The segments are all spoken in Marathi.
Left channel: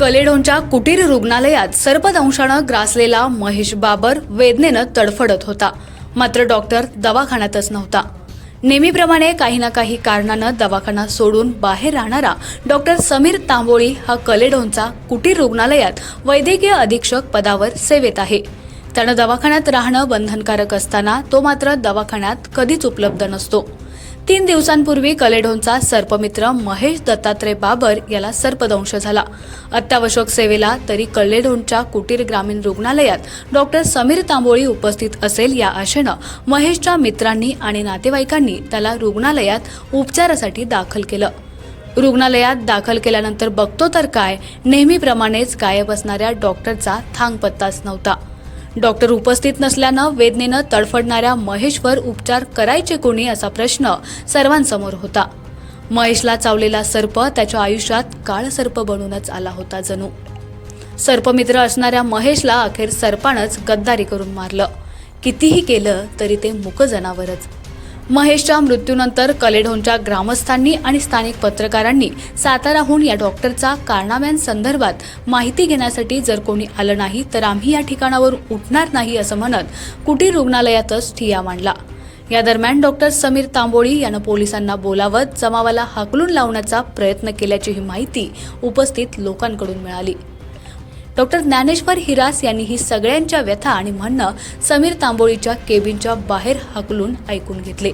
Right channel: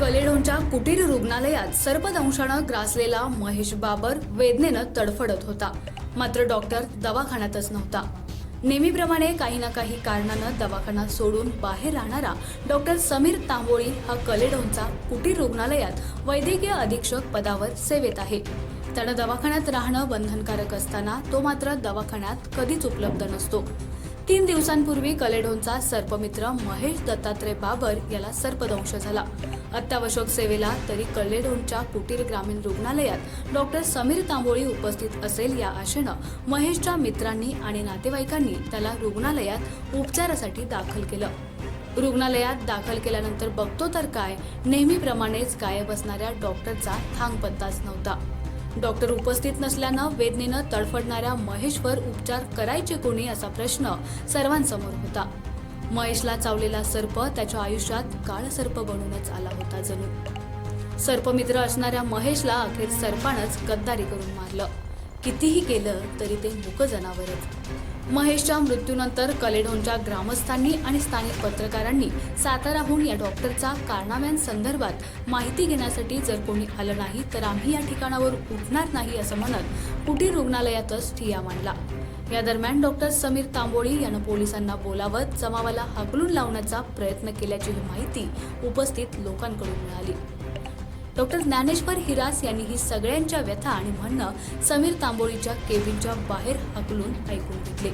कलेडोनच्या कुटीर रुग्णालयात सर्पदंशानं ग्रासलेला महेश बाबर वेदनेनं तडफडत होता. मात्र डॉक्टर दवाखान्यातच नव्हता. नेहमीप्रमाणे काही ना काही कारणानं दवाखाना सोडून बाहेर राहणारा डॉक्टर समीर तांबोळी हा कलेडोनचा कुटीर रुग्णालयात वैद्यकीय अधीक्षक पदावर सेवेत आहे. त्यानं दवाखान्यात राहणं बंधनकारक असताना तो मात्र दवाखान्यात कधीच उपलब्ध नसतो. तीन दिवसांपूर्वी कलेडोनचा सर्पमित्र महेश दत्तात्रय बाबर याला सर्पदंश झाला. अत्यावश्यक सेवेला तरी कलेडोनच्या कुटीर ग्रामीण रुग्णालयात डॉक्टर समीर तांबोळी उपस्थित असेल या आशेनं महेशच्या मित्रांनी आणि नातेवाईकांनी त्याला रुग्णालयात उपचारासाठी दाखल केलं. रुग्णालयात दाखल केल्यानंतर बघतो तर काय नेहमीप्रमाणेच गायब असणाऱ्या डॉक्टरचा थांगपत्ताच नव्हता. डॉक्टर उपस्थित नसल्यानं वेदनेनं तडफडणाऱ्या महेशवर उपचार करायचे कोणी असा प्रश्न सर्वांसमोर होता. महेशला चावलेला सर्प त्याच्या आयुष्यात काळ सर्प बनूनच आला होता जणू. सर्पमित्र असणाऱ्या महेशला अखेर सर्पानंच गद्दारी करून मारलं. कितीही केलं तरी ते मुक जनावरच महेशच्या मृत्यूनंतर कलेढोनच्या ग्रामस्थांनी आणि स्थानिक पत्रकारांनी साताराहून या डॉक्टरचा कारनाम्यांसंदर्भात माहिती घेण्यासाठी जर कोणी आलं नाही तर आम्ही या ठिकाणावर उठणार नाही असं म्हणत कुटीर रुग्णालयातच ठिया मांडला. या दरम्यान डॉक्टर समीर तांबोळी यानं पोलिसांना बोलावत जमावाला हाकलून लावण्याचा प्रयत्न केल्याची ही माहिती उपस्थित लोकांकडून मिळाली. डॉक्टर ज्ञानेश्वर हिरास यांनी ही सगळ्यांच्या व्यथा आणि म्हणणं समीर तांबोळीच्या केबिनच्या बाहेर हकलून ऐकून घेतले.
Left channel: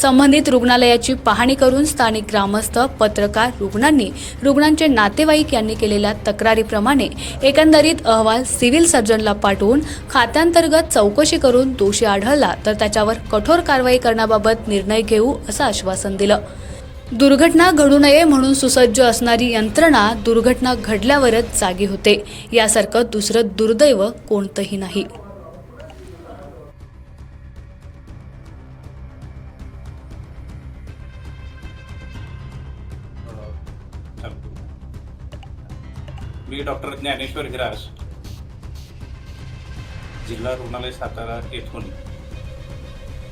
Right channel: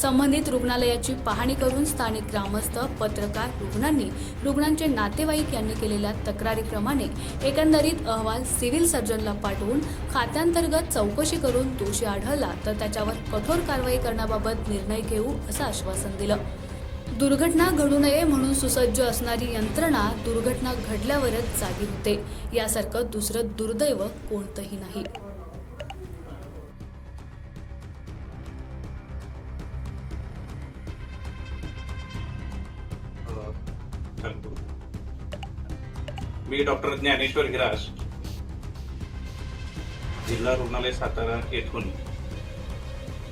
संबंधित रुग्णालयाची पाहणी करून स्थानिक ग्रामस्थ पत्रकार रुग्णांनी रुग्णांचे नातेवाईक यांनी केलेल्या तक्रारीप्रमाणे एकंदरीत अहवाल सिव्हिल सर्जनला पाठवून खात्यांतर्गत चौकशी करून दोषी आढळला तर त्याच्यावर कठोर कारवाई करण्याबाबत निर्णय घेऊ असं आश्वासन दिलं. दुर्घटना घडू नये म्हणून सुसज्ज असणारी यंत्रणा दुर्घटना घडल्यावरच जागी होते. यासारखं दुसरं दुर्दैव कोणतंही नाही. मी डॉक्टर ज्ञानेश्वर हिरास. जिल्हा रुग्णालय सातारा येथून.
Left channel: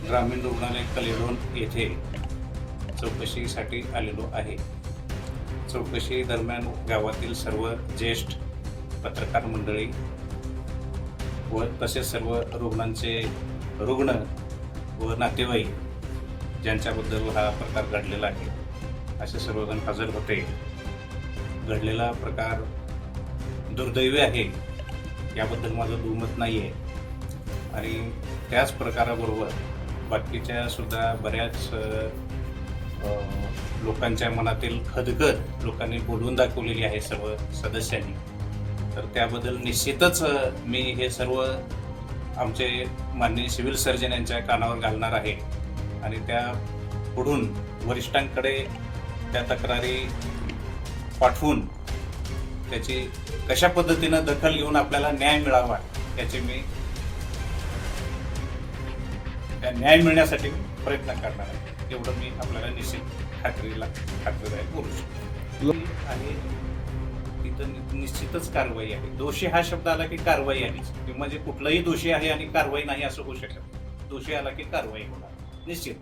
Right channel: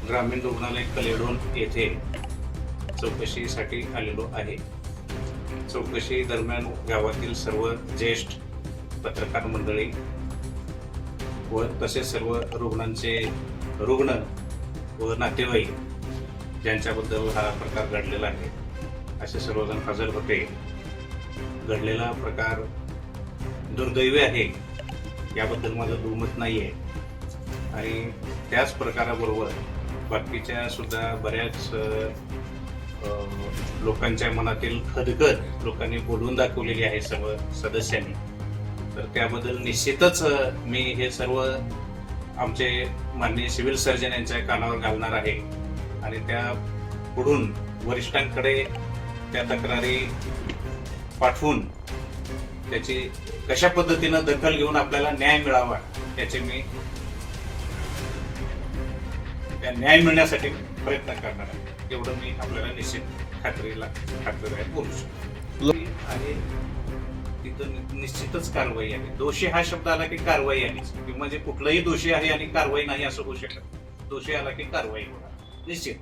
ग्रामीण रुग्णालय कलेडोन येथे. चौकशीसाठी आलेलो आहे. चौकशी दरम्यान गावातील सर्व ज्येष्ठ पत्रकार मंडळी व तसेच सर्व रुग्णांचे रुग्ण व नातेवाईक ज्यांच्याबद्दल हा प्रकार घडलेला आहे. असे सर्वजण हजर होते. घडलेला प्रकार दुर्दैवी आहे. याबद्दल माझं दुमत नाही आहे आणि त्याच प्रकाराबरोबर बाकीच्या सुद्धा बऱ्याच लोकांच्या मनातील खदखद लोकांनी बोलून दाखवलेली आहे सर्व सदस्यांनी. तर त्याबद्दल निश्चितच मी हे सर्व आमचे माननीय सिव्हिल सर्जन यांच्या कानावर घालणार आहे. आणि त्या पुढून वरिष्ठांकडे त्या तक्रारी पाठवून त्याची कशा पद्धतीनं दखल घेऊन आपल्याला न्याय मिळावा याचे मी त्या न्याय मिळण्यासाठी प्रयत्न करणार आहे. एवढं मी आपल्याला निश्चित खात्रीला खात्रीला बोलू शकतो. आणि तिथं निश्चितच कारवाई आहे. दोषी हा शब्द आला की कारवाई की म्हणजे कुठलाही दोषी आहे आणि कारवाई नाही असं होऊ शकत. दोषी आला की कारवाई होणार. निश्चित.